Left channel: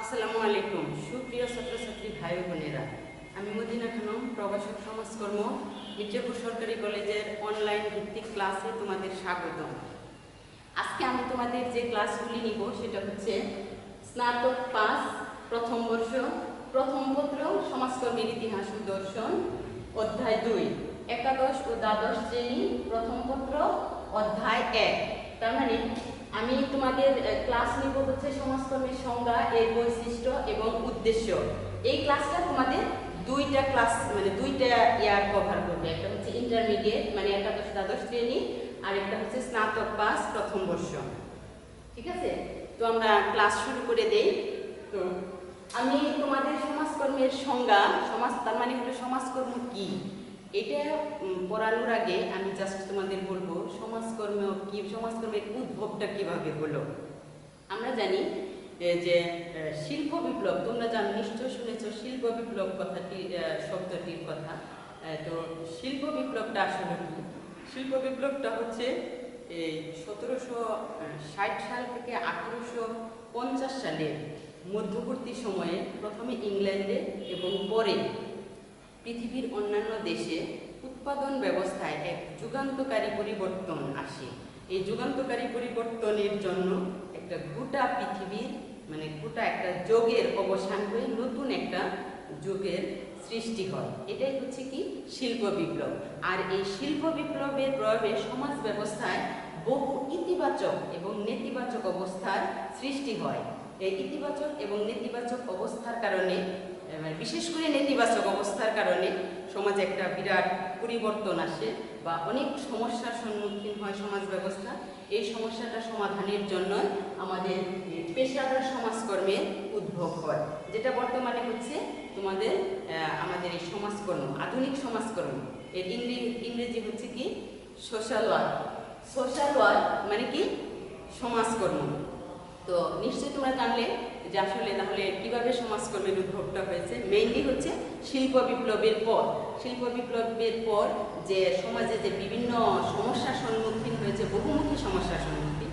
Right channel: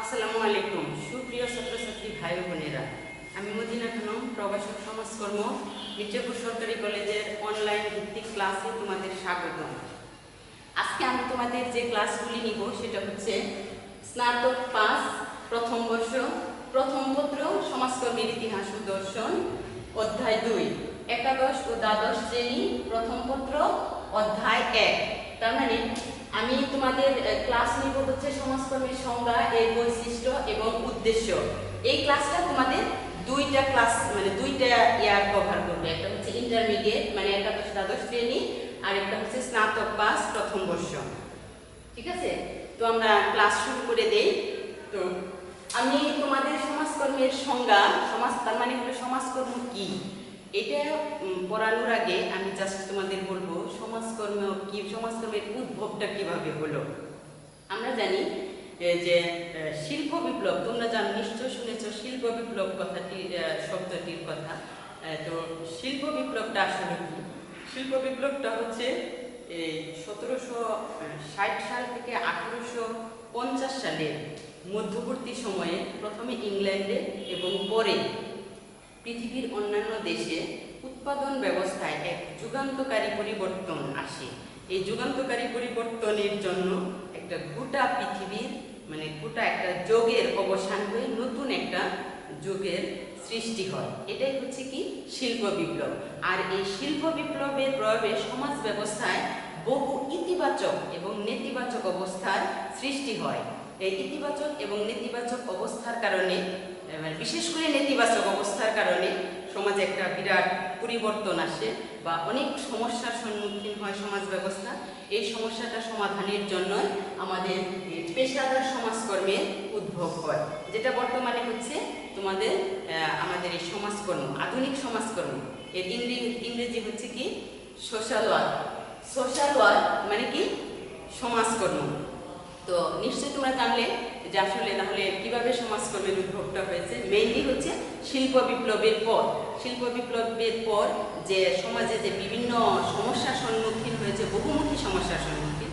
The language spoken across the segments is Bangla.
আসসালামু আলাইকুম সুপ্রিয় ছাত্রছাত্রী ভাই বোনেরা, আমি মদিনা খানম, প্রভাষক সমাজকর্ম, মির্জাপুর সরকারি কলেজের অনলাইন ভিত্তিক ক্লাসে তোমাদের স্বাগতম। আজকে আমি তোমাদের যে ক্লাসগুলি নিব সেটা হচ্ছে স্নাতক পাস প্রথম বর্ষ প্রথম পত্র সমাজকর্মের ইতিহাস ও দর্শন অধ্যায় 2, একাদশ ও দ্বাদশ শ্রেণী প্রথম পত্র অধ্যায় 1। তার মানে আমি তোমাদের ক্লাস নিব হচ্ছে সমাজকর্মের সংজ্ঞা, এর বৈশিষ্ট্য এবং উদ্দেশ্য। এই ক্লাসটা তোমাদের দুইটা ক্লাস মানে দুইটা ইয়ার কভার করবে। একটা হচ্ছে ইন্টারমিডিয়েট মানে একাদশ দ্বাদশ শ্রেণী, আর একটা হচ্ছে স্নাতক পাস প্রথম বর্ষ। ঠিক আছে, তো আমরা ক্লাস শুরু করে দেই। তো আমি তোমাদের সমাজকর্মের সংজ্ঞা, তার মানে হলো সমাজকর্ম কি, এটা পড়ানোর আগে আমি জাস্ট তোমাদের বলবো সমাজকর্ম কি, সমাজকর্মের উদ্ভবটা কিভাবে হলো। আমরা জানি যে শিল্প বিপ্লব, তোমরা জানো নিশ্চয় শুনেছ শিল্প বিপ্লব কথাটি, শব্দটির কথা। তো শিল্প বিপ্লবটা আসলে কি? শিল্প বিপ্লবটা হচ্ছে এই 1760 সাল থেকে 1850 সালের মধ্যবর্তী সময়ে প্রথমে ইংল্যান্ডে এবং পরে পৃথিবীর অন্যান্য দেশে উৎপাদন ব্যবস্থায় এক যুগান্তকারী পরিবর্তন আসে। এই যুগান্তকারী পরিবর্তনের জন্য একটা গোটা পৃথিবীর মানে গোটা একটা যুগের অবসান হয়ে নতুন একটা যুগের সৃষ্টি হয়। এটাই হচ্ছে কি শিল্প বিপ্লব। আর এই শিল্প বিপ্লবের প্রভাবে সমাজ ব্যবস্থায় বহু ইতিবাচক এবং নেতিবাচক অবস্থার সৃষ্টি হয়। এই ইতিবাচক এবং নেতিবাচক অবস্থার কারণে, বিশেষ করে নেতিবাচক অবস্থার কারণে সমাজে একটা বিরাট পরিবর্তন আসে বা অনেক সমস্যার সম্মুখীন হয় সমাজ ব্যবস্থা। এই সমস্যাটা সমাধানের জন্য আমাদের পেশাদার সমাজকর্মের উদ্ভব হয়, যেটা বর্তমানে হচ্ছে তোমাদের আমাদের এই সমাজকর্ম, আধুনিক সমাজকর্ম। এর ইংরেজি হচ্ছে কি সোশ্যাল ওয়ার্ক। সোশ্যাল ওয়ার্ক মানে কি সমাজকর্ম। তো নিশ্চয়ই তোমরা জানলে যে আসলে তাহলে কিভাবে সমাজকর্মের উদ্ভবটা হয়েছে। মেইনলি হচ্ছে শিল্প বিপ্লবের পর। শিল্প বিপ্লবের পর যে সমাজে যে বিভিন্ন সমস্যার সম্মুখীন হয়েছে, বহুমুখী সমস্যার সম্মুখীন,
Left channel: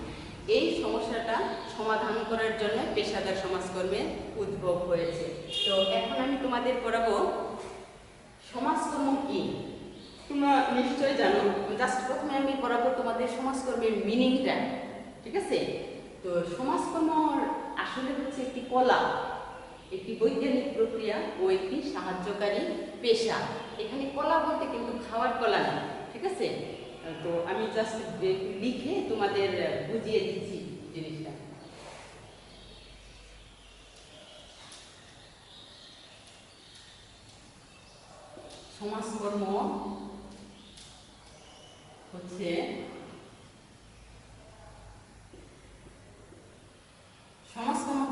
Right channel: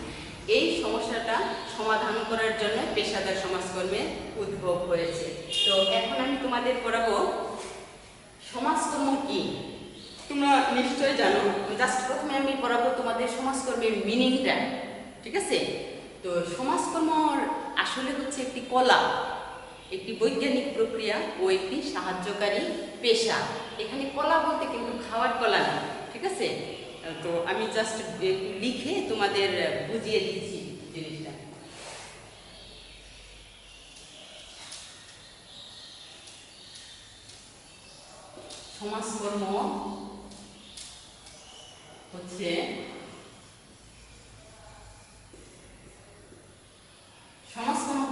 এই সমস্যাটা সমাধান করার জন্য পেশাদার সমাজকর্মের উদ্ভব হয়েছে। তো এখন আমি তোমাদের পড়াবো সমাজকর্ম কি। তোমরা নিশ্চয় জানো, জাস্ট প্রথমে আমি পড়াবো তোমাদের সমাজকর্মের মিনিংটা। ঠিক আছে, তো সমাজকর্ম আসলে হচ্ছে একটি কলা, একটি বৈজ্ঞানিক প্রক্রিয়া ও একটি সাহায্যকারী পেশা। এখানে কলা বলতে কিন্তু খাওয়ার কলা না। ঠিক আছে, তো আমি জাস্ট লিখে তোমাদের বুঝিয়ে দিচ্ছি জিনিসটা। সমাজকর্ম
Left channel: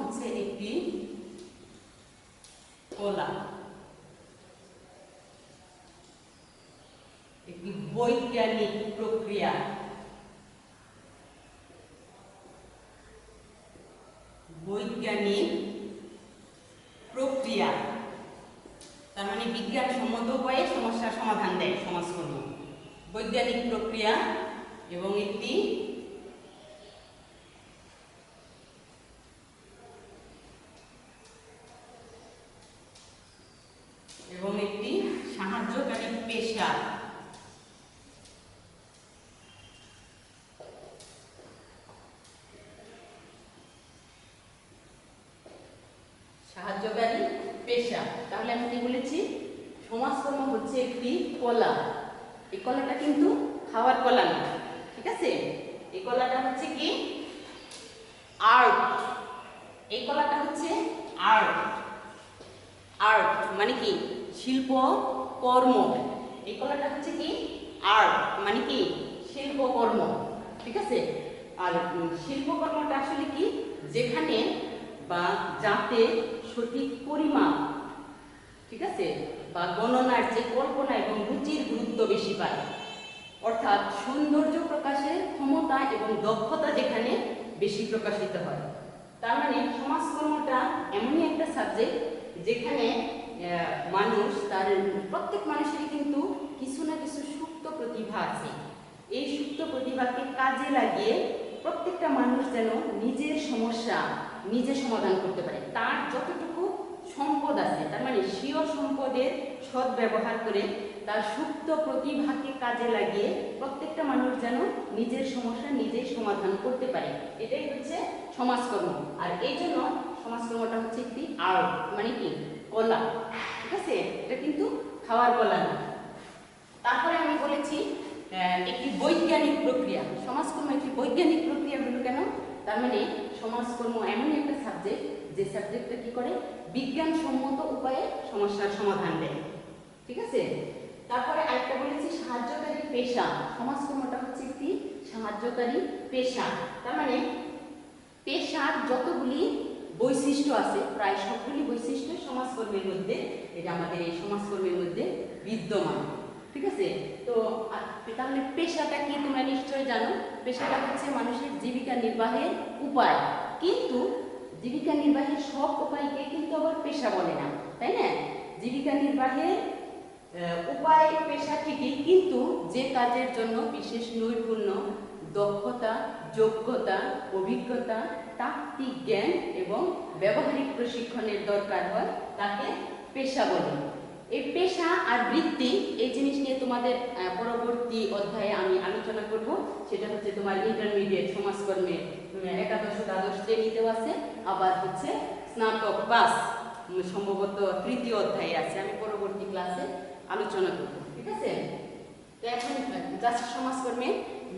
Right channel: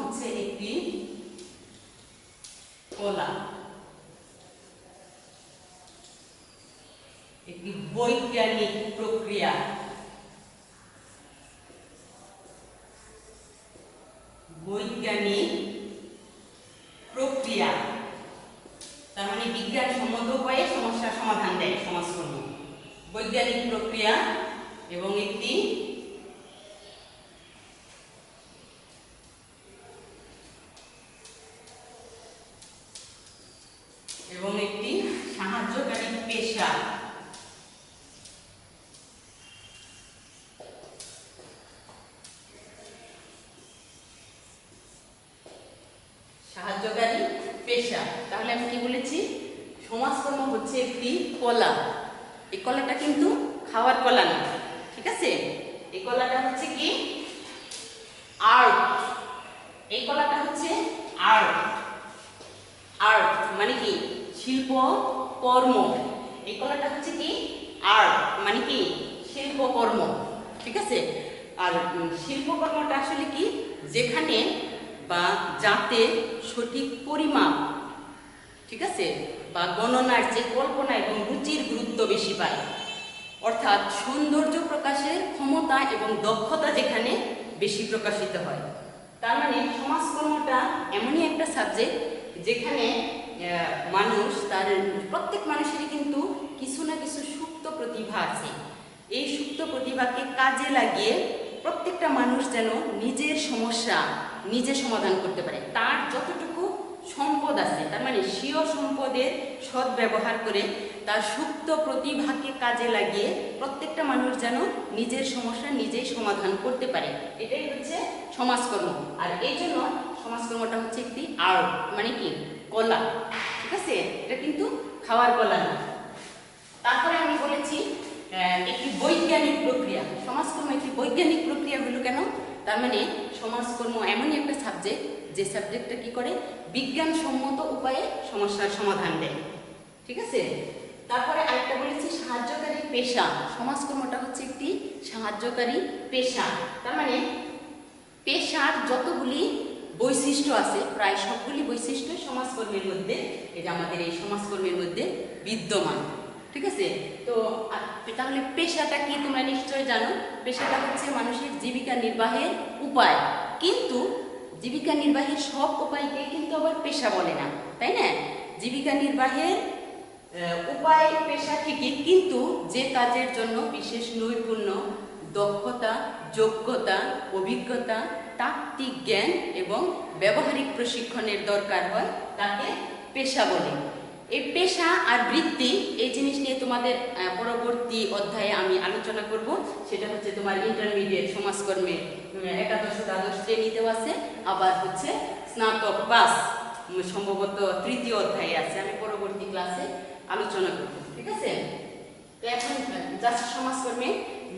হচ্ছে একটি কলা, একটি বৈজ্ঞানিক প্রক্রিয়া। বৈজ্ঞানিক প্রক্রিয়া তার মানে বিজ্ঞানসম্মত উপায়ে সমস্যার সমাধান দেয় সমাজকর্ম। বৈজ্ঞানিক প্রক্রিয়া এবং একটি সাহায্যকারী পেশা। সাহায্যকারী পেশা, তাহলে আমি কি বলেছি? সমাজকর্ম হচ্ছে একটি কলা। এই কলাটা কিন্তু খাওয়ার কলা না। ঠিক আছে, এই কলাটা হচ্ছে কি আর্ট। এই কলাটা হচ্ছে আর্ট। আর্ট মানে কি শিল্প কর্ম। এই কলাটা হচ্ছে কি আর্ট মানে কি শিল্পকর্ম। ঠিক আছে, আর শিল্পকর্মটা আসলে কি যেখানে বা যাতে সঠিক পরিমাপ, ঠিক আছে, বা গণনার যে কল্পনা এবং রুচির গুরুত্ব বেশি পায়, অর্থাৎ সৌন্দর্য প্রকাশের ক্ষমতা এবং দক্ষতা যেখানে বেশি প্রকাশিত হয়। তার মানে সমাজকর্মটা এমনই একটা সাবজেক্ট যেখানে মানুষ, তার প্রত্যেক মানুষেরই কিন্তু কিছু না কিছু সুপ্ত প্রতিভা আছে। এই সুপ্ত প্রতিভাকে কাজে লাগিয়ে প্রত্যেকটা মানুষ যেন নিজের সমস্যা নিজে সমাধান করতে পারে। তার যতটুকু সম্পদ আছে, তার মানে স্বীয় সম্পদের সৎ ব্যবহার করে তার সুপ্ত প্রতিভাকে কাজে লাগিয়ে প্রত্যেকটা মানুষ যেন নিজের সমস্যা নিজেই সমাধান করতে পারে, এটাই হচ্ছে সমাজকর্ম। আর এই জন্য সমাজকর্মটা হচ্ছে একটি আর্ট, মানে কি কলা, ঠিক আছে? এটা কিন্তু খাওয়ার কলা না। তারপরে আমি বলেছি একটি বৈজ্ঞানিক প্রক্রিয়া। সমাজকর্ম একটি বৈজ্ঞানিক প্রক্রিয়া হলো কেন? তার মানে সমাজকর্ম এমনই একটা সাবজেক্ট যে সাবজেক্টটা কি করে, বিজ্ঞানসম্মত উপায়ে সমস্যার সমাধান দেয়, ঠিক আছে? তারপরে আরেকটা বলেছি সাহায্যকারী পেশা। সমাজকর্মটা হচ্ছে একটি সাহায্যকারী পেশা। তার মানে পেশার যতগুলি বৈশিষ্ট্য আছে, প্রায় সবগুলি বৈশিষ্ট্য সমাজকর্মের মধ্যে, এটা আমাদের এই সমাজকর্মের মধ্যে বিদ্যমান, ঠিক আছে? তো তাহলে পেশাটা কি তোমরা নিশ্চয়ই জানো। পেশাটা হচ্ছে মানুষের জীবিকা নির্বাহের উপায়, কিন্তু জীবিকা নির্বাহের সব উপায়কে কিন্তু আবার পেশা বলে না, তাই না? জীবিকা নির্বাহের উপায় পেশা ঠিকই, কিন্তু যে কাজের জন্য বিশেষ নৈপুণ্য, দক্ষতা, যোগ্যতা, অভিজ্ঞতা, তাত্ত্বিক জ্ঞান এবং ব্যবহারিক প্রশিক্ষণের দরকার হয় তাকে পেশা বলে। এই পেশা আর বৃত্তি এই জিনিস নিয়ে তোমাদের পরবর্তী অধ্যায়ে আমি আলোচনা করব। সেটা হচ্ছে তোমার ইন্টারমিডিয়েট সমাজকর্মে একাদশ দ্বাদশ শ্রেণীতেও আছে, আবার হচ্ছে স্নাতক পাস সম্ভবত তৃতীয় অধ্যায়ে আছে। আমি পরবর্তী ক্লাসে আলোচনা করব, ঠিক আছে? তো এখন জাস্ট সমাজকর্মে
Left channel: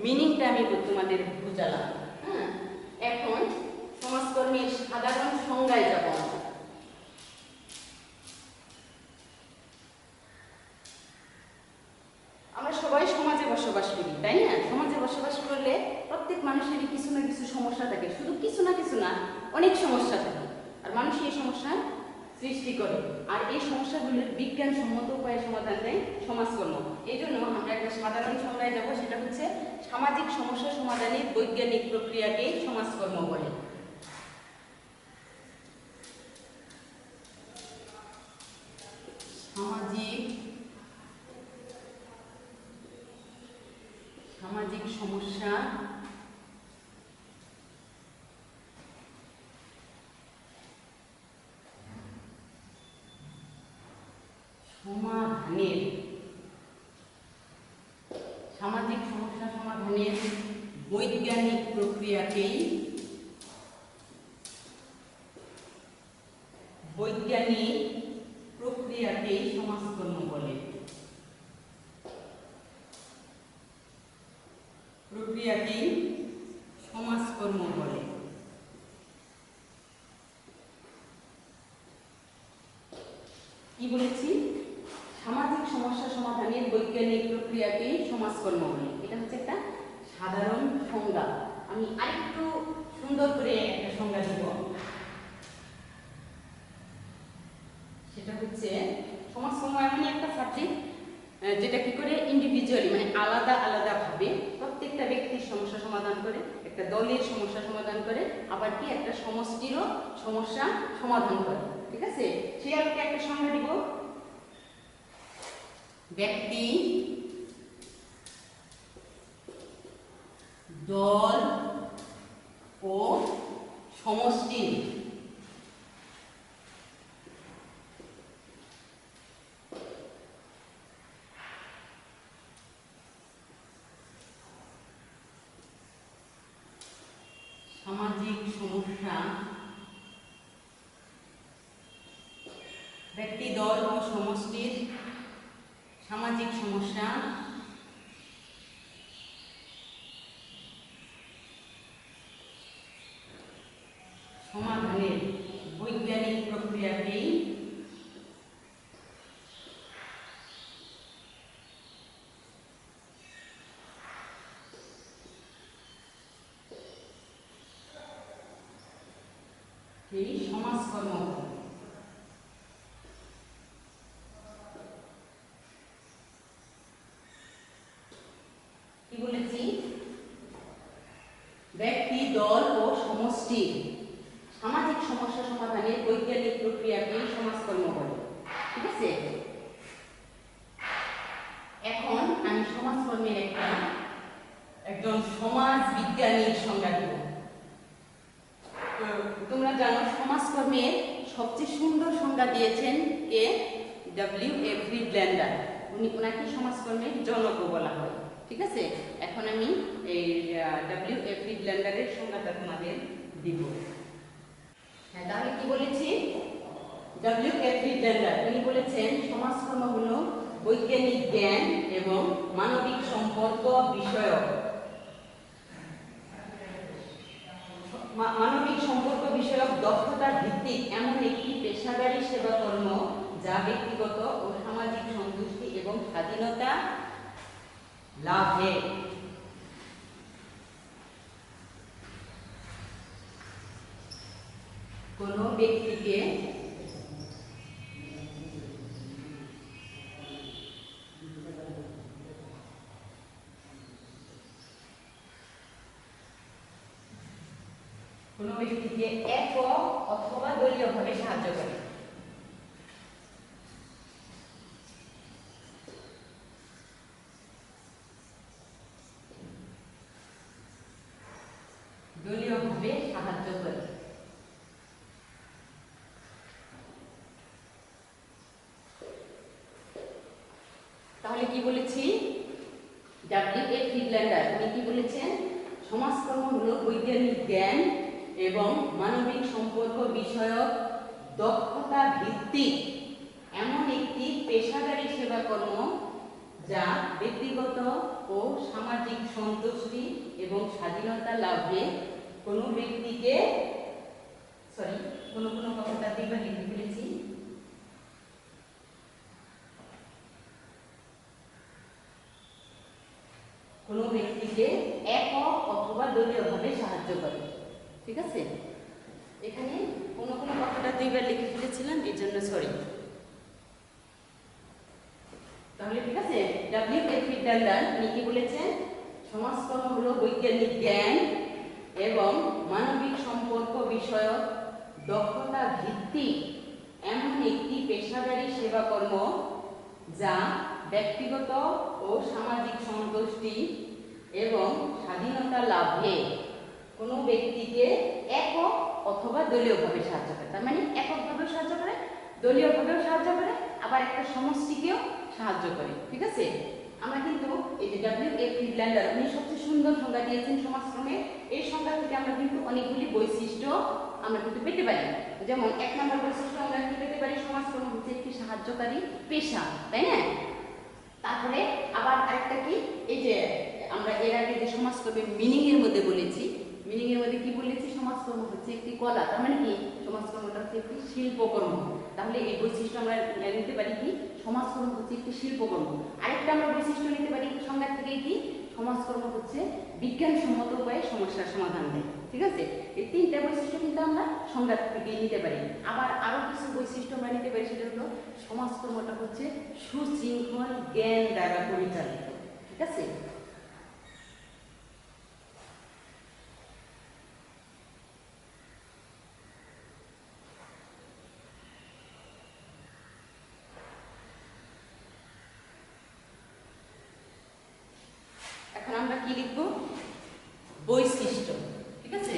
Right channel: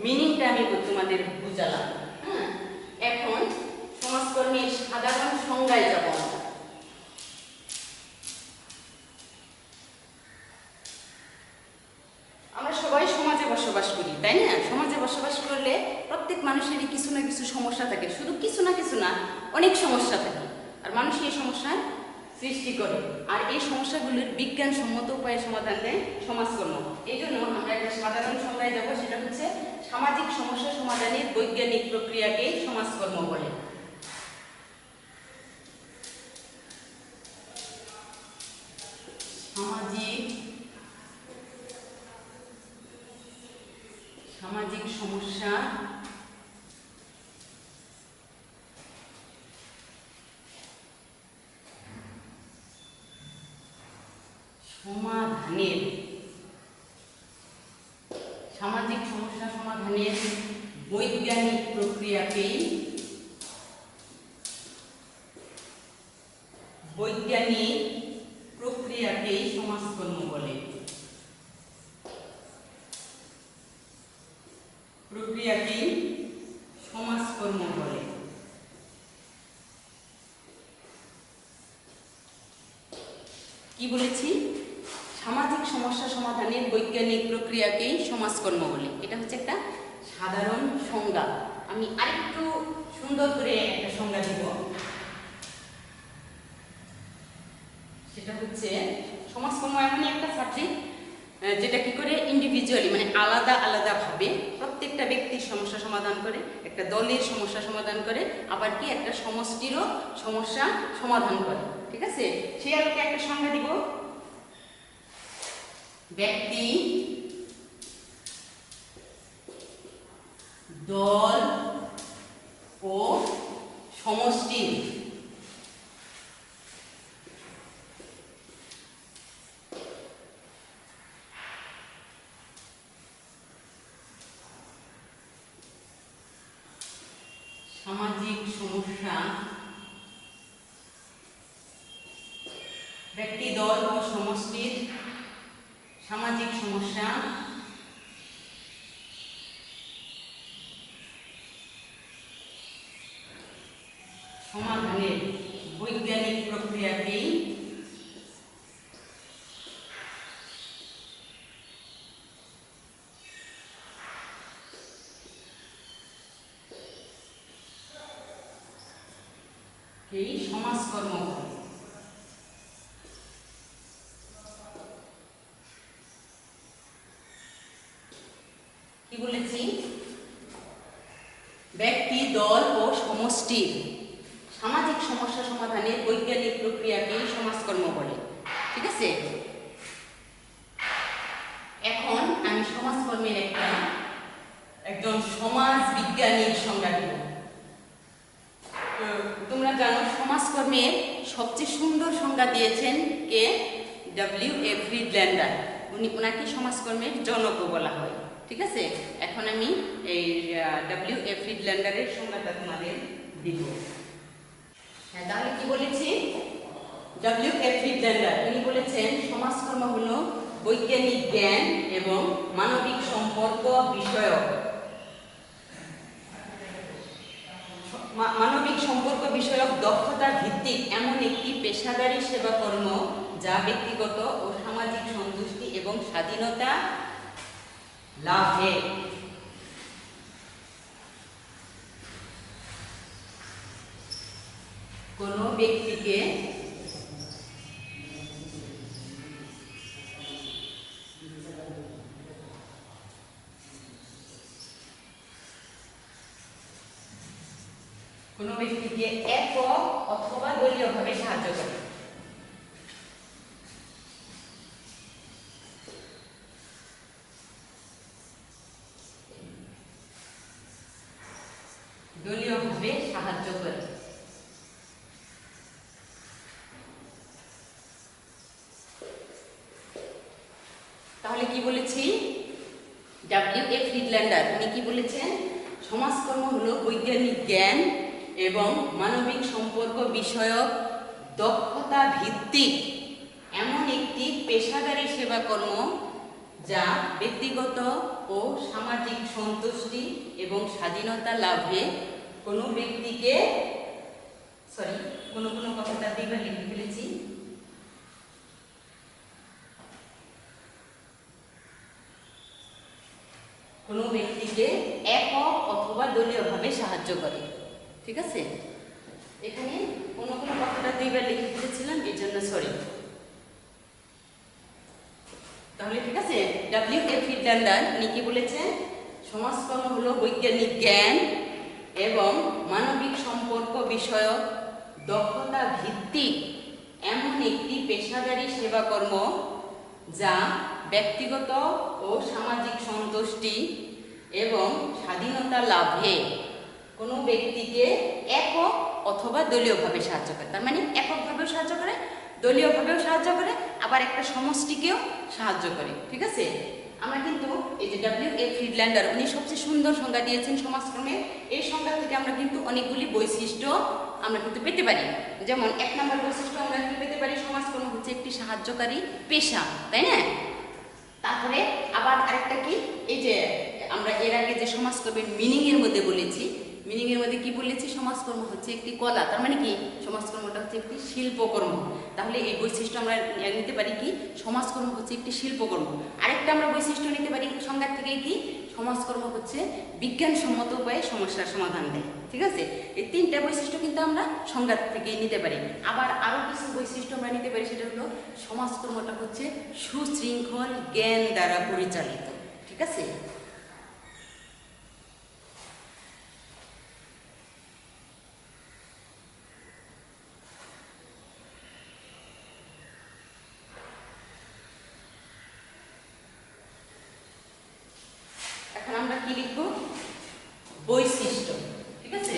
মিনিংটা আমি তোমাদের বুঝালাম। হ্যাঁ, এখন সমাজকর্মের সাধারণ সংজ্ঞায় যাব। আমরা সবাই সমাজে বসবাস করি, তাই না? সমাজে বসবাস করলে প্রত্যেক মানুষেরই কিছু না কিছু সমস্যা থাকে, শুধু কিছু না অনেক সমস্যা থাকে, আর মানুষ এই সমস্যার সৃষ্টি করে, আর এই সমস্যাগুলির বিজ্ঞানসম্মত উপায়ে সমাধান দেয় সমাজকর্ম। এই জন্য আমরা একটা সাধারণ সংজ্ঞায় যাব, সেটা হচ্ছে সামাজিক সমস্যা সমাধানের বৈজ্ঞানিক প্রক্রিয়াকে সমাজকর্ম বলে। সামাজিক সমস্যা সমাধানের বৈজ্ঞানিক প্রক্রিয়াকেই সমাজকর্ম বলে। প্রক্রিয়াকেই সমাজকর্ম বলে। কি বলেছি? সামাজিক সমস্যা সমাধানের বৈজ্ঞানিক প্রক্রিয়াকেই সমাজকর্ম বলে। এটা হচ্ছে একটা সাধারণ সংজ্ঞা। আমি আরেকটু সুন্দর করে একটা সংজ্ঞা দিব, সেটা হচ্ছে সমাজকর্ম এমনই একটা সাবজেক্ট যেটা কি করে ইন্ডিভিজুয়ালি, মানে আলাদা ভাবে প্রত্যেকটা ব্যক্তির সমস্যা সমাধান করে, একটা দলের সমস্যা সমাধান করে, আবার কি একটা সমষ্টিরও সমস্যা সমাধান করে, ঠিক আছে? সেই আলোকে একটা সংজ্ঞা দিব। ব্যক্তি, দল ও সমষ্টি সামাজিক সমস্যা, ব্যক্তি, দল ও সমষ্টির সামাজিক সমস্যা সমাধানের বৈজ্ঞানিক প্রক্রিয়াকেই সমাজকর্ম বলে। কি বলেছি? ব্যক্তি, দল ও সমষ্টির সামাজিক সমস্যা সমাধানের বৈজ্ঞানিক প্রক্রিয়াকে সমাজকর্ম বলে, ঠিক আছে? এখন আমি সমাজকর্মের একজন সমাজ বিজ্ঞানীর সংজ্ঞা দিব। তোমরা সমাজকর্মের সবচেয়ে সুন্দর সংজ্ঞা দিয়েছেন কে? ডব্লিউ.এ. ফ্রিডল্যান্ডার। ওনাকে সমাজকর্মের জনক বলা হয়। ঠিক আছে, এখন আমি এই ডব্লিউ.এ. ফ্রিডল্যান্ডারের সংজ্ঞাটা তোমাদের দিব। হ্যাঁ, তাহলে কি বলেছি? ডব্লিউ.এ. ফ্রিডল্যান্ডার উনি বলেছেন সমাজকর্ম হলো বৈজ্ঞানিক জ্ঞান এবং মানবিক সম্পর্ক বিষয়ক দক্ষতা ভিত্তিক এমন একটি পেশাদারী সেবাকর্ম যা ব্যক্তিগত ও সামাজিক সন্তুষ্টি এবং স্বাধীনতা লাভে কোনো ব্যক্তিকে একক অথবা দলীয়ভাবে সাহায্য করে। দলীয়ভাবে সাহায্য করে। তাহলে কি বলেছি? ডব্লিউ.এ. ফ্রিডল্যান্ডার উনি কি বলেছেন? সমাজকর্ম হলো বৈজ্ঞানিক জ্ঞান এবং মানবিক সম্পর্ক বিষয়ক দক্ষতা ভিত্তিক এমন একটি পেশাদারী সেবাকর্ম যা ব্যক্তিগত ও সামাজিক সন্তুষ্টি এবং স্বাধীনতা লাভে কোনো ব্যক্তিকে কোনো কথাটা দুইবার লিখে ফেলেছি। কোনো ব্যক্তিকে একক অথবা দলীয়ভাবে সাহায্য করে। ঠিক আছে, এখানে কোনো কথাটা দুইবার লিখে ফেলেছিলাম, এর জন্য সরি। তাহলে ঠিক আছে, ডব্লিউ.এ. ফ্রিডল্যান্ডার উনি কি বলেছেন? সমাজকর্ম হলো বৈজ্ঞানিক জ্ঞান এবং মানবিক সম্পর্ক বিষয়ক দক্ষতা ভিত্তিক এমন একটি পেশাদারী সেবাকর্ম যা ব্যক্তিগত ও সামাজিক সন্তুষ্টি এবং স্বাধীনতা লাভে কোনো ব্যক্তিকে একক অথবা দলীয়ভাবে সাহায্য করে। তার মানে এককভাবেও সাহায্য করে, দলীয়ভাবেও সাহায্য করে, আবার একটা সমষ্টিকেও সাহায্য করে। ঠিক আছে, আমরা কিন্তু এই যে ডব্লিউ.এ. ফ্রিডল্যান্ডার উনি সবচেয়ে সুন্দর সংজ্ঞা দিয়েছেন সমাজকর্মের। এই সংজ্ঞা থেকে আমরা কিন্তু অনেকগুলি বৈশিষ্ট্য আমরা কিন্তু পেতে পারি। যেমন 1 নম্বর বৈশিষ্ট্য আমরা কি পেতে পারি? সমাজকর্ম হচ্ছে একটি সাহায্যকারী পেশা, তাই না? তারপরে আবার আরেকটা কি, এই যে আমরা এর আগে যে সমাজকর্মের মিনিং এর মধ্যে বলেছি, মিনিং এর মধ্যে কি বলেছি? সমাজকর্ম হচ্ছে একটি কলা। তার মানে কি? সমাজকর্মটা হচ্ছে একটি শিল্পকর্ম। তাহলে এই বৈশিষ্ট্য আমরা নিতে পারি কি? সমাজকর্ম হচ্ছে একটি শিল্পকর্ম। আরেকটা আমরা বৈশিষ্ট্য নিতে পারি সংজ্ঞা থেকে কি? সমাজকর্ম হচ্ছে বিজ্ঞানসম্মত উপায়ে সমস্যার সমাধান দেয়। ঠিক আছে, এই 3টা বৈশিষ্ট্য কিন্তু আমরা সংজ্ঞা থেকে নিতে পারি। আবার আরো কিছু বৈশিষ্ট্য আমরা নিতে পারি, সেটা হলো সমাজকর্মটা হচ্ছে সুশৃঙ্খল জ্ঞান দ্বারা পরিচালিত। ঠিক আছে, এখন আমরা কি লিখব? বৈশিষ্ট্য। ঠিক আছে,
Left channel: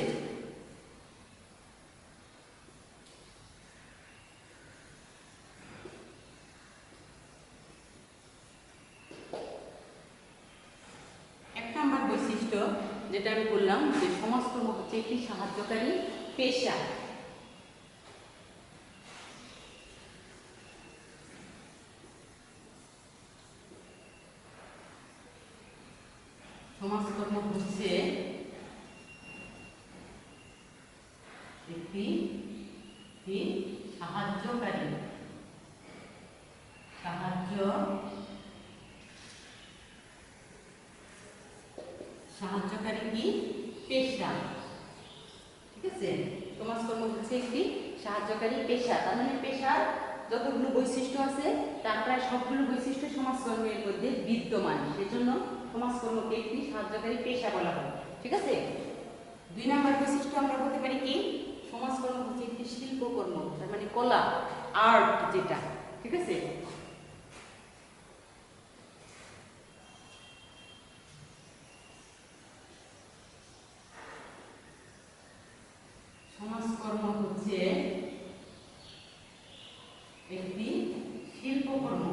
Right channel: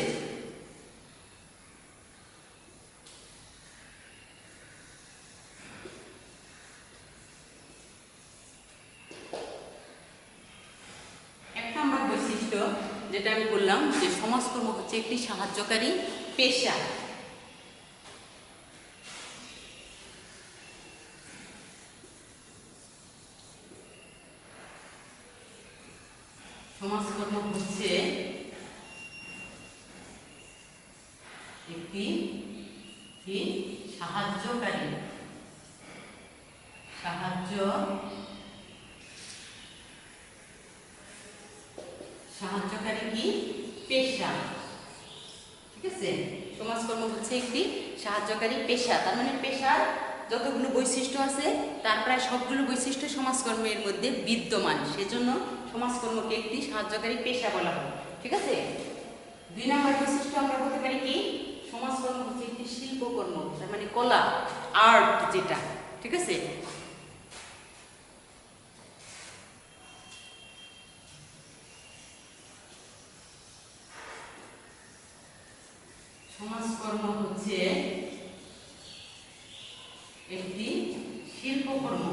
যেটা আমি বললাম যে সমাজকর্ম হচ্ছে একটি সাহায্যকারী পেশা। সমাজকর্ম হচ্ছে একটি সাহায্যকারী কি পেশা। ঠিক আছে, সমাজকর্ম হচ্ছে একটি সাহায্যকারী পেশা। তার মানে পেশার যতগুলো বৈশিষ্ট্য আছে তার প্রায় সবগুলো বৈশিষ্ট্য সমাজকর্মের মধ্যে বিদ্যমান, সেজন্য সমাজকর্মকে একটি সাহায্যকারী পেশা বলা হয়। ঠিক আছে, 2 নম্বর বৈশিষ্ট্য আমরা বলতে পারি কি? সমাজকর্ম হচ্ছে একটি শিল্পকর্ম। তার মানে কলা, আর্ট যেটা। ঠিক আছে, সমাজকর্ম হচ্ছে শিল্পকর্ম।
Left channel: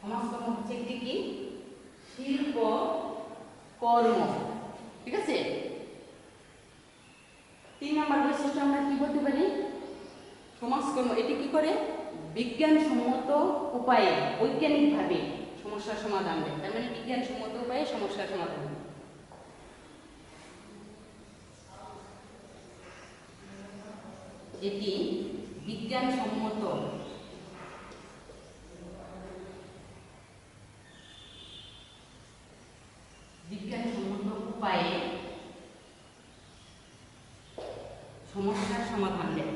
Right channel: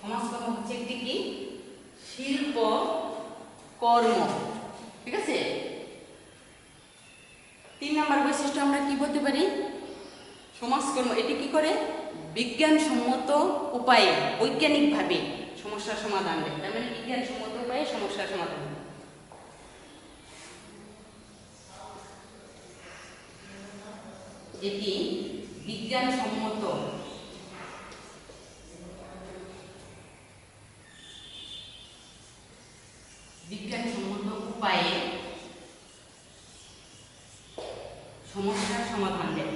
সমাজকর্ম হচ্ছে একটি কি শিল্প কর্ম, ঠিক আছে। 3 নম্বর বৈশিষ্ট্য আমরা কি বলতে পারি, সমাজকর্ম এটি কি করে বিজ্ঞানসম্মত উপায়ে বৈজ্ঞানিকভাবে সমস্যার সমাধান দেয়। তার মানে বিজ্ঞানসম্মত উপায়ে সমস্যার সমাধান। এটি বিজ্ঞানসম্মত উপায়ে সমস্যার সমাধান দেয়।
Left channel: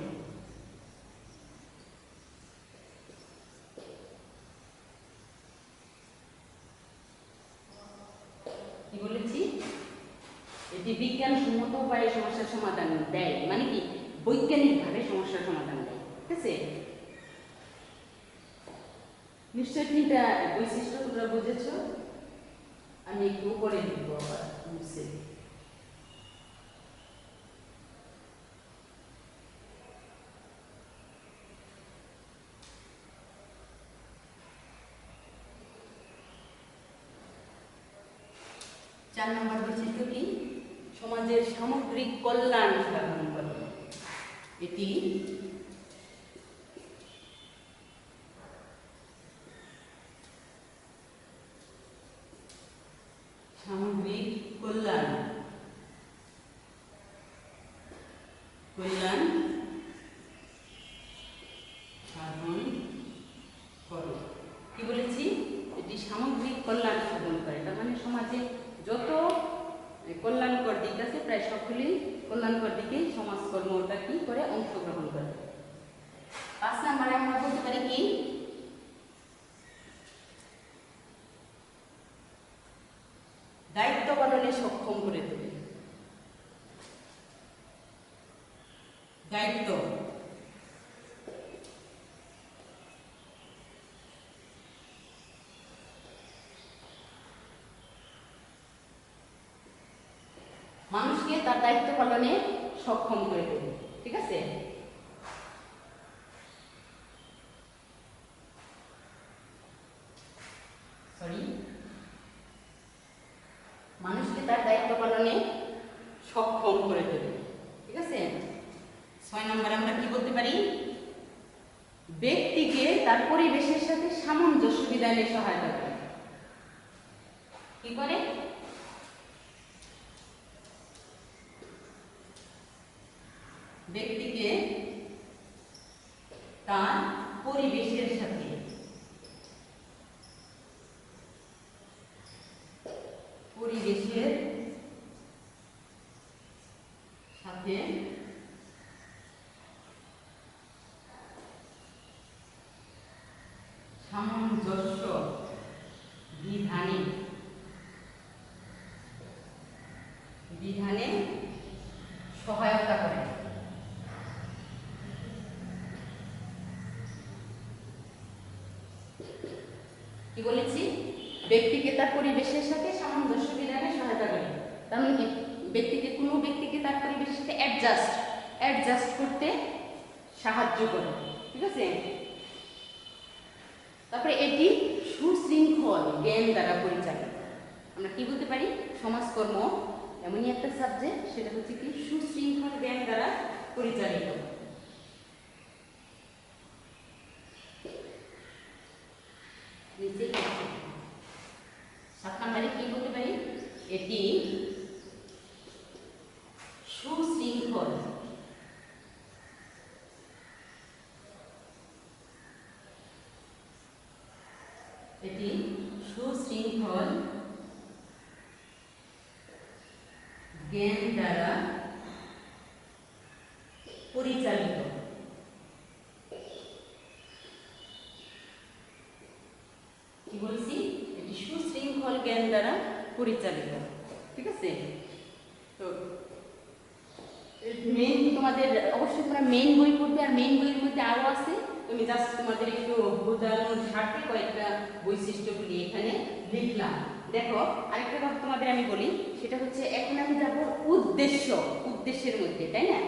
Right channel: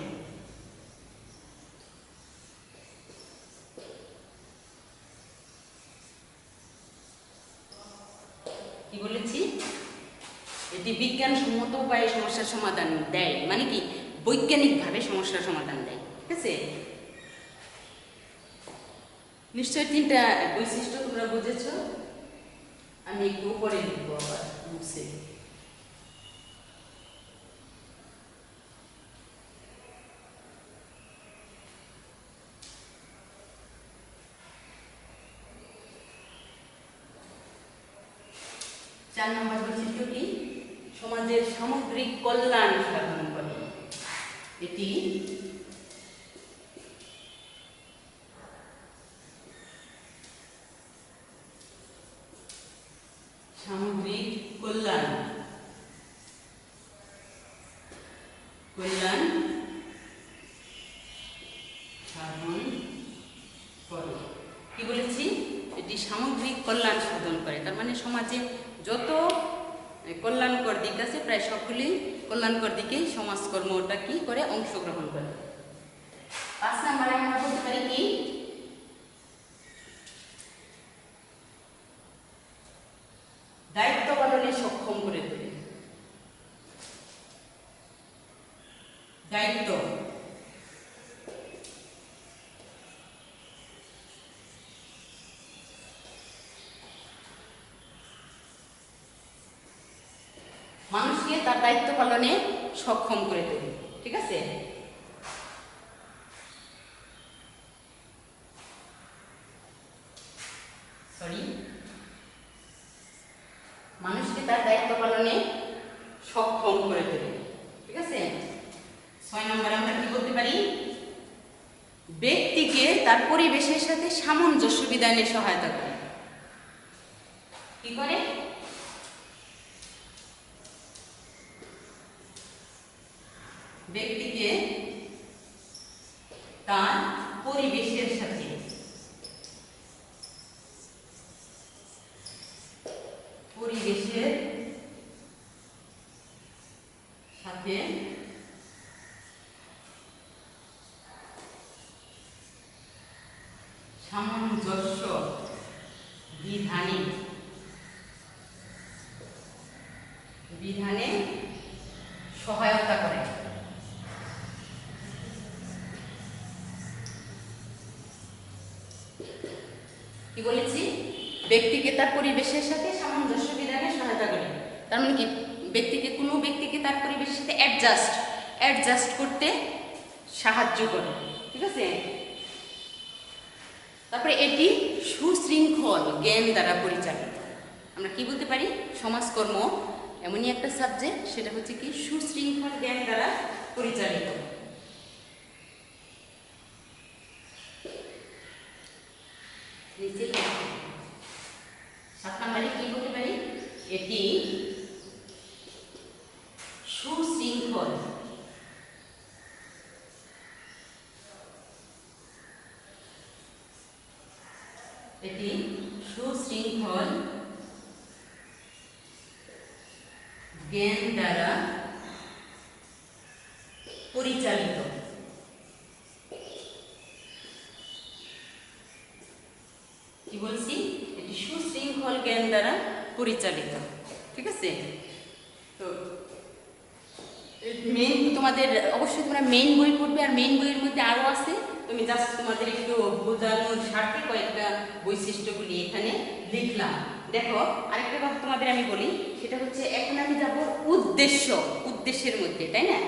কি বলেছি, এটি বিজ্ঞানসম্মত উপায়ে সমস্যার সমাধান দেয়, মানে কি বৈজ্ঞানিকভাবে সমস্যার সমাধান দেয়, ঠিক আছে। নিশ্চয় 3টা বৈশিষ্ট্য তোমরা বুঝেছ। আমি একটু উপরে লিখব আবার মুছে। চার নম্বর বৈশিষ্ট্য কি, সমাজের সামগ্রিক কল্যাণ সাধন করে। এটি সামগ্রিক কল্যাণ সাধন করে। কি বলেছি, এটি সামগ্রিক কল্যাণ সাধন করে। তার মানে সমাজে যত কল্যাণকর দিক আছে প্রায় সবগুলি কল্যাণকর দিকেই সমাজকর্মটা কি করে অংশগ্রহণ করে। 5 নম্বরে আমরা বলতে পারি কি, দায়িত্ব পালনে সক্ষম করে তোলে। দায়িত্ব মানুষকে তার দায়িত্ব পালনে সক্ষম করে তোলে, ঠিক আছে। মানুষকে তার দায়িত্ব পালনে সক্ষম করে তোলে, ঠিক আছে। 6 নম্বরে আমরা কি বলতে পারি, ব্যক্তিকে তার পরিবেশের সাথে সামঞ্জস্য বিধানে সহায়তা করে। কি করে, ব্যক্তিকে তার পরিবেশের সাথে সামঞ্জস্য বিধানে সহায়তা করে। কি বলেছি, ব্যক্তিকে তার পরিবেশের সাথে সামঞ্জস্য বিধানে সহায়তা করে। তার মানে কি, কোনো ব্যক্তিকে তার পরিবেশের সাথে অ্যাডজাস্ট করতে সাহায্য করে, ঠিক আছে। তারপরে এটি সুশৃঙ্খল জ্ঞান দ্বারা পরিচালিত। আমরা কি বলতে পারি, সমাজকর্ম এমনই একটা সাবজেক্ট, সেটা হচ্ছে কি সুশৃঙ্খল জ্ঞান দ্বারা পরিচালিত। নিচে 7 নম্বরে কি বলতে পারি, এটি সুশৃঙ্খল জ্ঞান দ্বারা পরিচালিত। কি বলছি, এটি সুশৃঙ্খল জ্ঞান দ্বারা পরিচালিত, ঠিক আছে। তো মেইন তোমাদের অবশ্যই তোমরা মেইন বই পড়বে, আর মেইন বইয়ের মধ্যে আরও আছে। তুমি জাস্ট তোমাদের একটু বোঝানোর স্বার্থে কয়েকটা বৈশিষ্ট্যগুলি এখানে লিখলাম। দেখো, আরেকটা কথা তোমাদের আমি বলি, সেটা হচ্ছে এখন আমি যাব উদ্দেশ্যের মধ্যে, তাই না।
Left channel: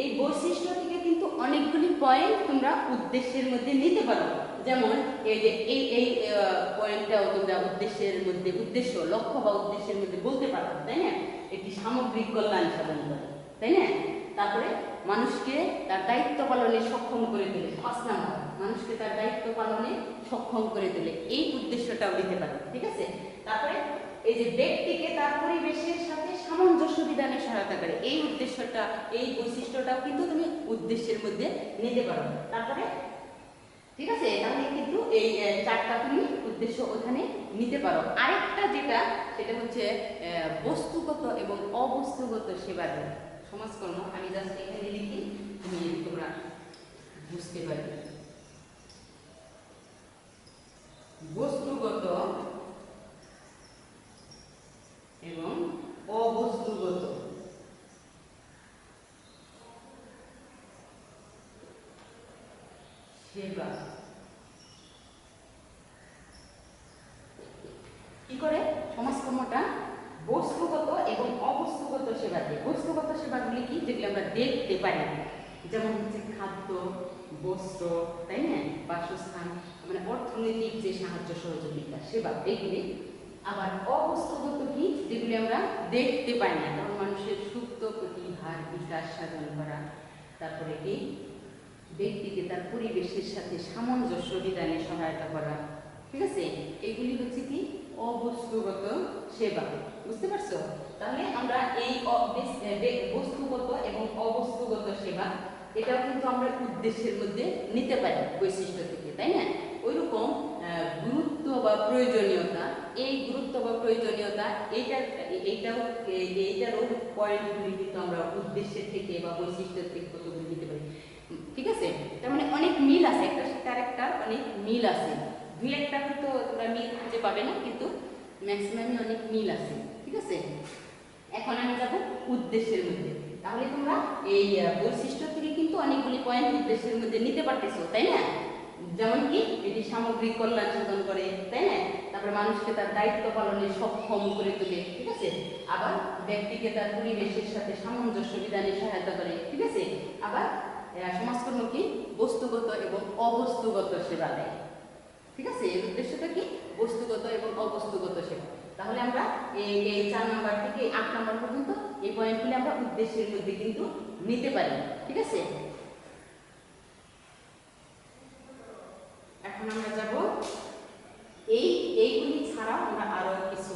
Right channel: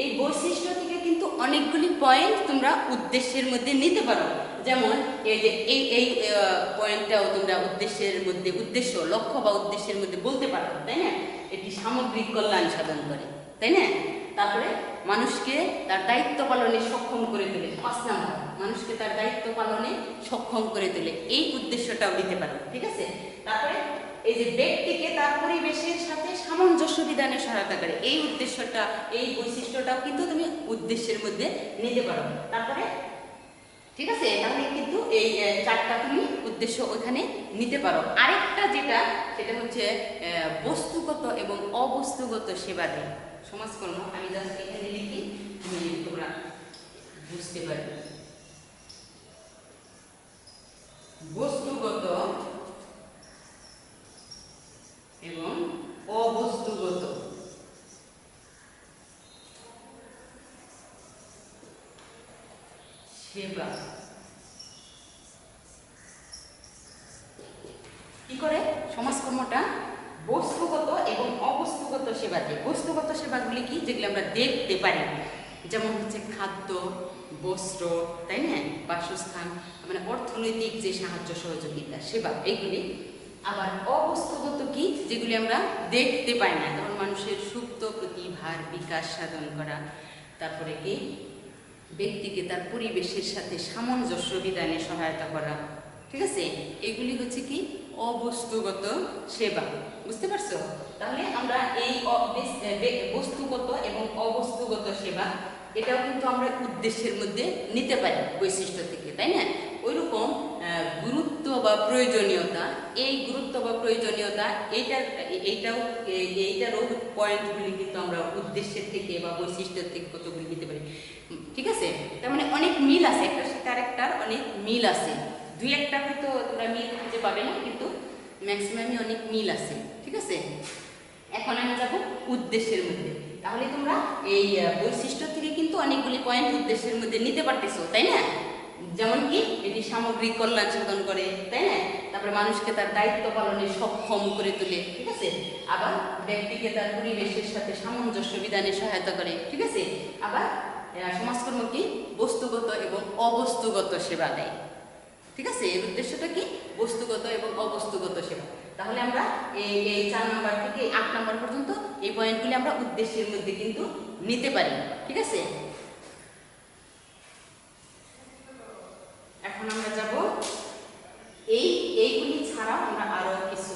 এই বৈশিষ্ট্য থেকে কিন্তু অনেকগুলি পয়েন্ট তোমরা উদ্দেশ্যের মধ্যে নিতে পারো। যেমন এই যে এই পয়েন্টটাও তোমরা উদ্দেশ্যের মধ্যে, উদ্দেশ্য, লক্ষ্য বা উদ্দেশ্যের মধ্যে বলতে পারো, তাই না? এটি সামগ্রিক কল্যাণ সাধন করে, তাই না? তারপরে মানুষকে তার দায়িত্ব পালনে সক্ষম করে তোলে। 5 নাম্বার, মানুষকে তার দায়িত্ব পালনে সক্ষম করে তোলে, এই উদ্দেশ্যটাও দিতে পারো, ঠিক আছে? তারপরে এই যে ব্যক্তিকে তার পরিবেশের সাথে সামঞ্জস্য বিধানে সহায়তা করে, এই উদ্দেশ্যটা, এই বৈশিষ্ট্যটাও কিন্তু তুমি উদ্দেশ্যের মধ্যে নিতে পারো। তারপরে ঠিক আছে, তাহলে কিন্তু এই 4টা তুমি উদ্দেশ্য ওখানে নিতে পারো। আরেকটা যেটা, সেটা হচ্ছে বস্তুগত এবং অবস্তুগত সেবা দেয় সমাজকর্ম। আমি জাস্ট এখানে লিখি, তুমি তোমরা বুঝতে পারবে। বস্তুগত এবং অবস্তুগত সেবা কি করে? সমাজকর্মটা বস্তুগত এবং অবস্তুগত সেবা দেয়। বস্তুগত সেবাগুলি কি? যেগুলো আমরা দেখতে পারি, যেমন হচ্ছে খাদ্য, বস্ত্র, তাই না, বাসস্থান, মানে অর্থনৈতিক যে সাহায্য সহযোগিতা সেবা, এইগুলি। আবার অবস্তুগত কি? যেগুলি আমরা দেখতে পাই না, যেমন মানুষের সুপ্ত প্রতিভার বিকাশ সাধন করা, তারপরে কি ব্যক্তিকে তার পরিবেশের সাথে সামঞ্জস্য বিধানে সহায়তা করা, ঠিক আছে? এগুলি হচ্ছে কি অবস্তুগত সেবা, বুঝতে পারছো? তাহলে আমরা এই বস্তুগত এবং অবস্তুগত সেবা, এটাও কিন্তু আমরা উদ্দেশ্যের মধ্যে নিতে পারি বৈশিষ্ট্য থেকে, তাই না? ওইরকম গুরুত্ব বা প্রয়োজনীয়তা, এই গুরুত্ব বা প্রয়োজনীয়তা এইটারও পয়েন্টগুলি কিন্তু আমরা উদ্দেশ্যের থেকে বা বৈশিষ্ট্যের থেকে কতগুলি নিতে পারি, ঠিক আছে? তার মানে অনেক মিল আছে, একটার সাথে আরেকটার অনেক মিল আছে। 2-1টা হয়তো তোমরা মিল খুঁজে পাবে না, কিন্তু ম্যাক্সিমামই অনেক মিল আছে, ঠিক আছে? এখন আমি যাব উদ্দেশ্যের মধ্যে। তাহলে তোমরা এই বৈশিষ্ট্য থেকে কিন্তু অনেকগুলি পয়েন্ট উদ্দেশ্যের মধ্যে নিতে পারতেছো, তাই না? যেমন কি এটি সামগ্রিক কল্যাণ সাধন করে, তাই না? তারপরে মানুষকে তার দায়িত্ব পালনে সক্ষম করে তোলে, ঠিক আছে? আবার ব্যক্তিকে তার পরিবেশের সাথে সামঞ্জস্য বিধানে সহায়তা করে, ঠিক আছে? আবার সমাজকর্ম কি বস্তুগত এবং অবস্তুগত সেবা দেয়, ঠিক আছে? এর উদ্দেশ্যটা কি? বস্তুগত এবং অবস্তুগত সেবা। তাহলে আমরা এই 4 নাম্বার থেকে 8 নাম্বার পর্যন্ত এই পয়েন্টগুলি আমরা উদ্দেশ্যের মধ্যে কিন্তু নিতে পারি, ঠিক আছে? এখন আমরা যাব এইগুলি ছাড়াও আমরা আরো কিছু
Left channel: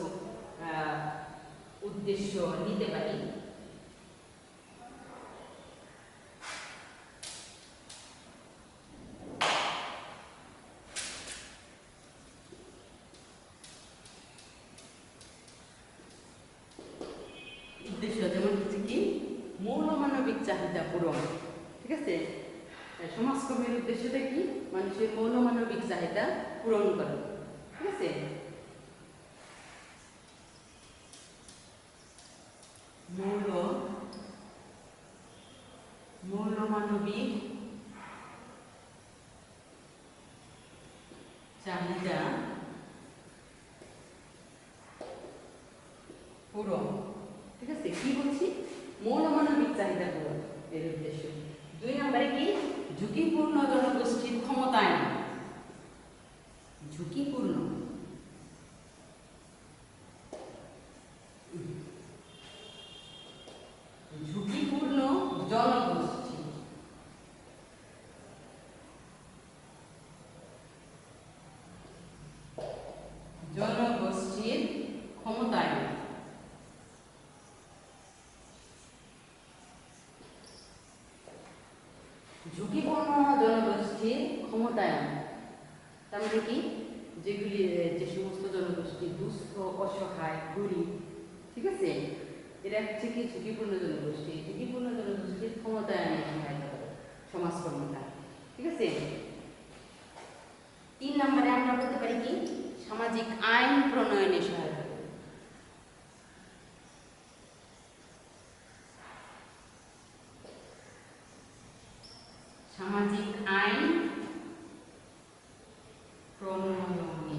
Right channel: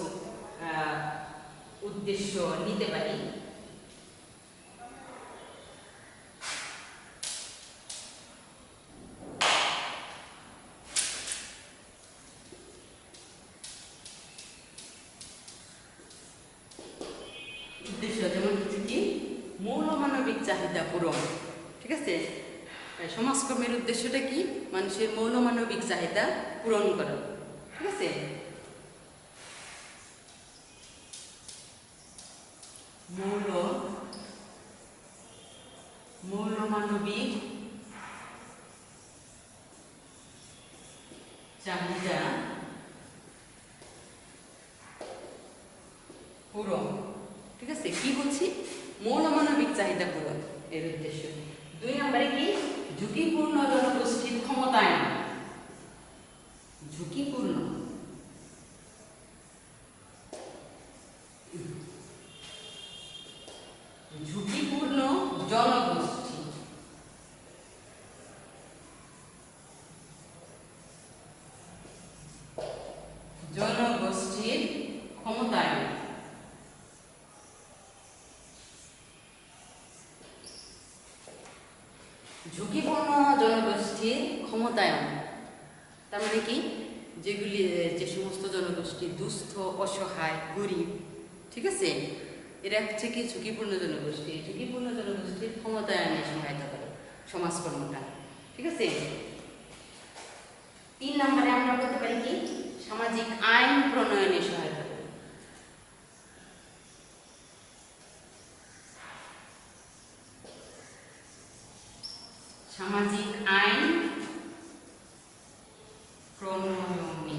উদ্দেশ্য নিতে পারি। উদ্দেশ্য যেমন হচ্ছে কি মৌলমানবিক চাহিদা পূরণ, ঠিক আছে? সমাজকর্মের উদ্দেশ্যটা কি? মানুষের মৌলমানবিক চাহিদা পূরণ করা, ঠিক আছে? মৌলমানবিক চাহিদা পূরণ, ঠিক আছে? কি বলছি? মৌলমানবিক চাহিদা পূরণ এর উদ্দেশ্য। 2 নম্বরে কি? ঝুঁকিপূর্ণ জনগোষ্ঠীর ক্ষমতায়ন। ঝুঁকিপূর্ণ জনগোষ্ঠী, জনগোষ্ঠীর ক্ষমতায়ন। ঝুঁকিপূর্ণ জনগোষ্ঠীর ক্ষমতায়ন তার মানে কি? যেগুলি, যে সমস্ত জনগোষ্ঠী দুস্থ, অসহায়, গরিব, ঠিক আছে, এরা হচ্ছে কি ঝুঁকিপূর্ণ জনগোষ্ঠী। ঝুঁকিপূর্ণ জনগোষ্ঠীর ক্ষমতায়নে সহায়তা করে সমাজকর্মটা, ঠিক আছে? 3 নম্বরে আমরা বলতে পারি কি? সামাজিক আইন প্রণয়নে সহায়তা করে। সামাজিক আইন প্রণয়নে।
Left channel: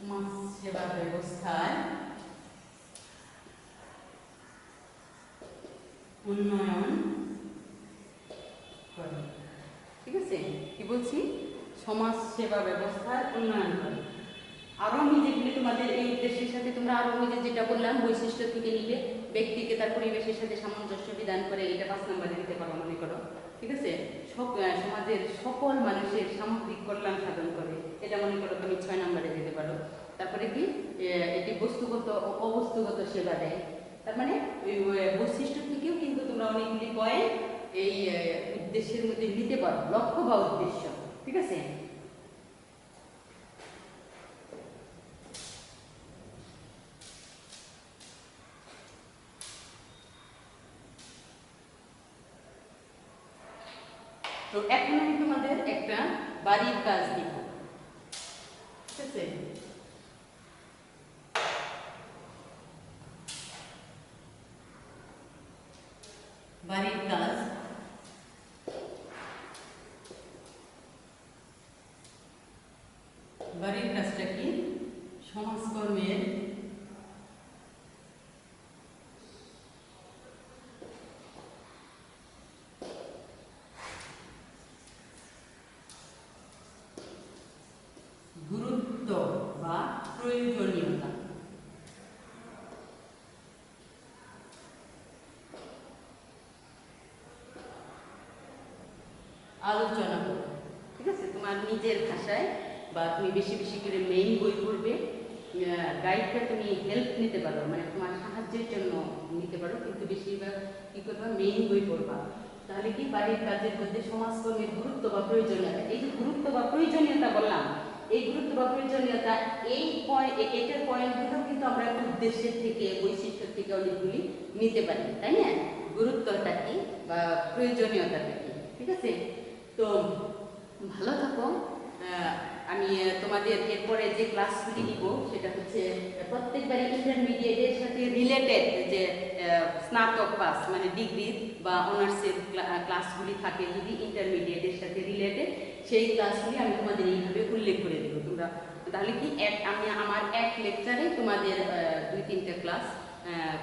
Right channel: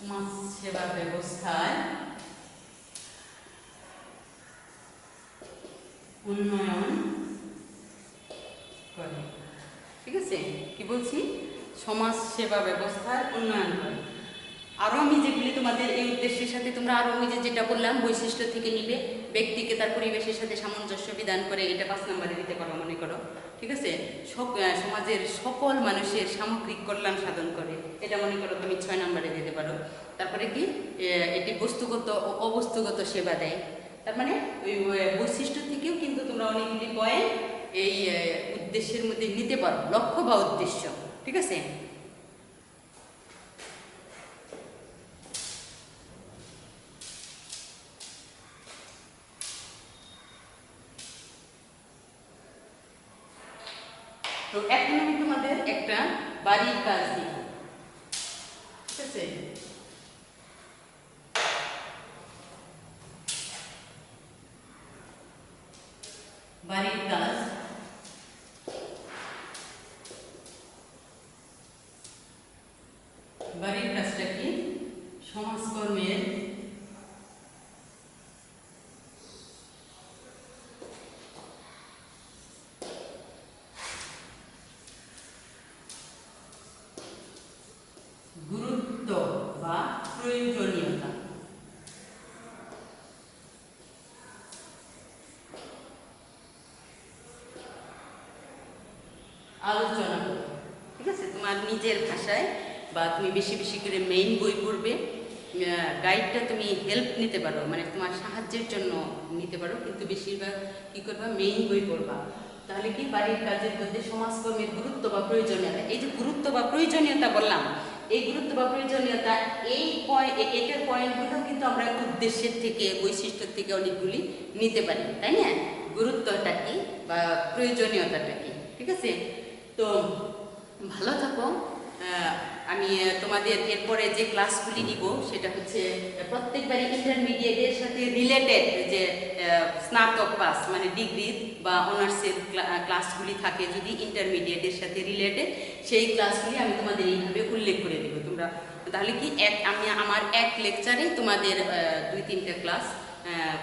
সমাজ সেবা ব্যবস্থায় উন্নয়ন করে। ঠিক আছে, কি বলছি? সমাজ সেবা ব্যবস্থার উন্নয়ন করে। আরও আমি যেগুলি তোমাদের এই উদ্দেশ্যের সাথে তোমরা আরও ওই যেটা বললাম বৈশিষ্ট্য থেকে নিবে, ব্যক্তিকে তার পরিবেশের সাথে সামঞ্জস্য বিধান করে, এটা 5 নম্বরে দিতে পারো মনে করো। ঠিক আছে, সমাজের সকল মানুষের সামগ্রিক কল্যাণ সাধন করে, এটা মনে করো তুমি 6 নম্বরে দিতে পারো। তারপরে কি, এটি বস্তুগত ও অবস্তুগত সেবা দেয়। তার মানে ওই বৈশিষ্ট্য থেকেও কিন্তু তোমরা অনেকগুলি পয়েন্ট এই উদ্দেশ্যের মধ্যে নিতে পারো, লক্ষ্য বা উদ্দেশ্য। ঠিক আছে, তো এখন আমি তোমাদের একটা বাড়ির কাজ দিব। ঠিক আছে, বাড়ির কাজ। বাড়ির কাজটা কি? সমাজকর্মের গুরুত্ব বা প্রয়োজনীয়তা আলোচনা করো। ঠিক আছে, তোমার নিজের ভাষায় বা তুমি বেশি বেশি করে মেইন বই পড়বে। গাইডটা তুমি হেল্প নিতে পারো, মানে তোমার সাহায্যের জন্য নিতে পারো, কিন্তু বেশিরভাগ কী করবা, মেইন বই পড়বা। তাহলে কি, বাড়ির কাজের মধ্যে সমাজকর্মের গুরুত্ব বা প্রয়োজনীয়তা, এই যে গুরুত্ব বা প্রয়োজনীয়তা বললাম, এই গুরুত্ব বা প্রয়োজনীয়তা এটার পয়েন্টগুলো কিন্তু আমরা উদ্দেশ্যের থেকে, বৈশিষ্ট্যের থেকে অনেকগুলি নিতে পারি, তাই না? গুরুত্বটা কি বা প্রয়োজনীয়তাটা কি? ঠিক আছে, তো ভালো থাকো। আমি তোমাদের এরপরে যে ক্লাসগুলি নিব সেটা হচ্ছে প্রত্যেকবারই ইন্টারমিডিয়েটের সাথে রিলেটেড যে স্নাতক পাস মানে ডিগ্রি বা অনার্সের ক্লাসগুলি থাকে, যদি ইন্টারমিডিয়েটের সাথে রিলেটেড, সেই ক্লাসগুলি আমি তোমাদের এইভাবে উল্লেখ করে দেবো। তোমরা তাহলে কি, আমি আমার এক লেকচারেই তোমাদের 2-3টা ক্লাস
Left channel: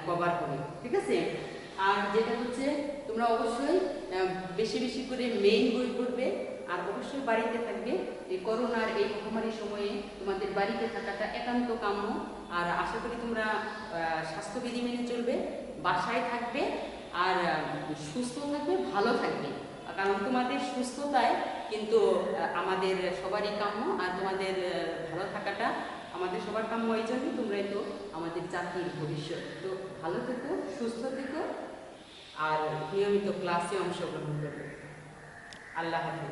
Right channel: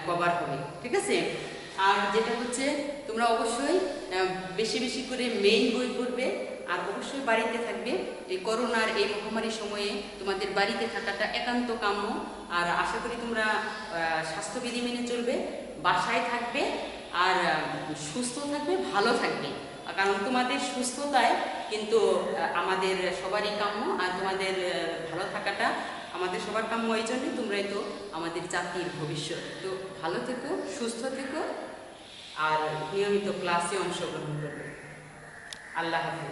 কভার হবে। ঠিক আছে, আর যেটা হচ্ছে তোমরা অবশ্যই বেশি বেশি করে মেইন বই পড়বে, আর অবশ্যই বাড়িতে থাকবে। এই করোনার এই মহামারী সময়ে তোমাদের বাড়িতে থাকাটা একান্ত কাম্য। আর আশা করি তোমরা স্বাস্থ্যবিধি মেনে চলবে, বাসায় থাকবে, আর সুস্থ থাকবে, ভালো থাকবে। কারণ তোমাদের সুস্থতায় কিন্তু আমাদের সবারই কাম্য, আর তোমাদের ভালো থাকাটা আমাদের সবার কাম্য। এই জন্যই তোমরাই তো আমাদের জাতির ভবিষ্যৎ। তো ভালো থেকো, সুস্থ থেকো, আর নিয়মিত ক্লাসে অংশগ্রহণ করবে। আল্লাহ হাফেজ।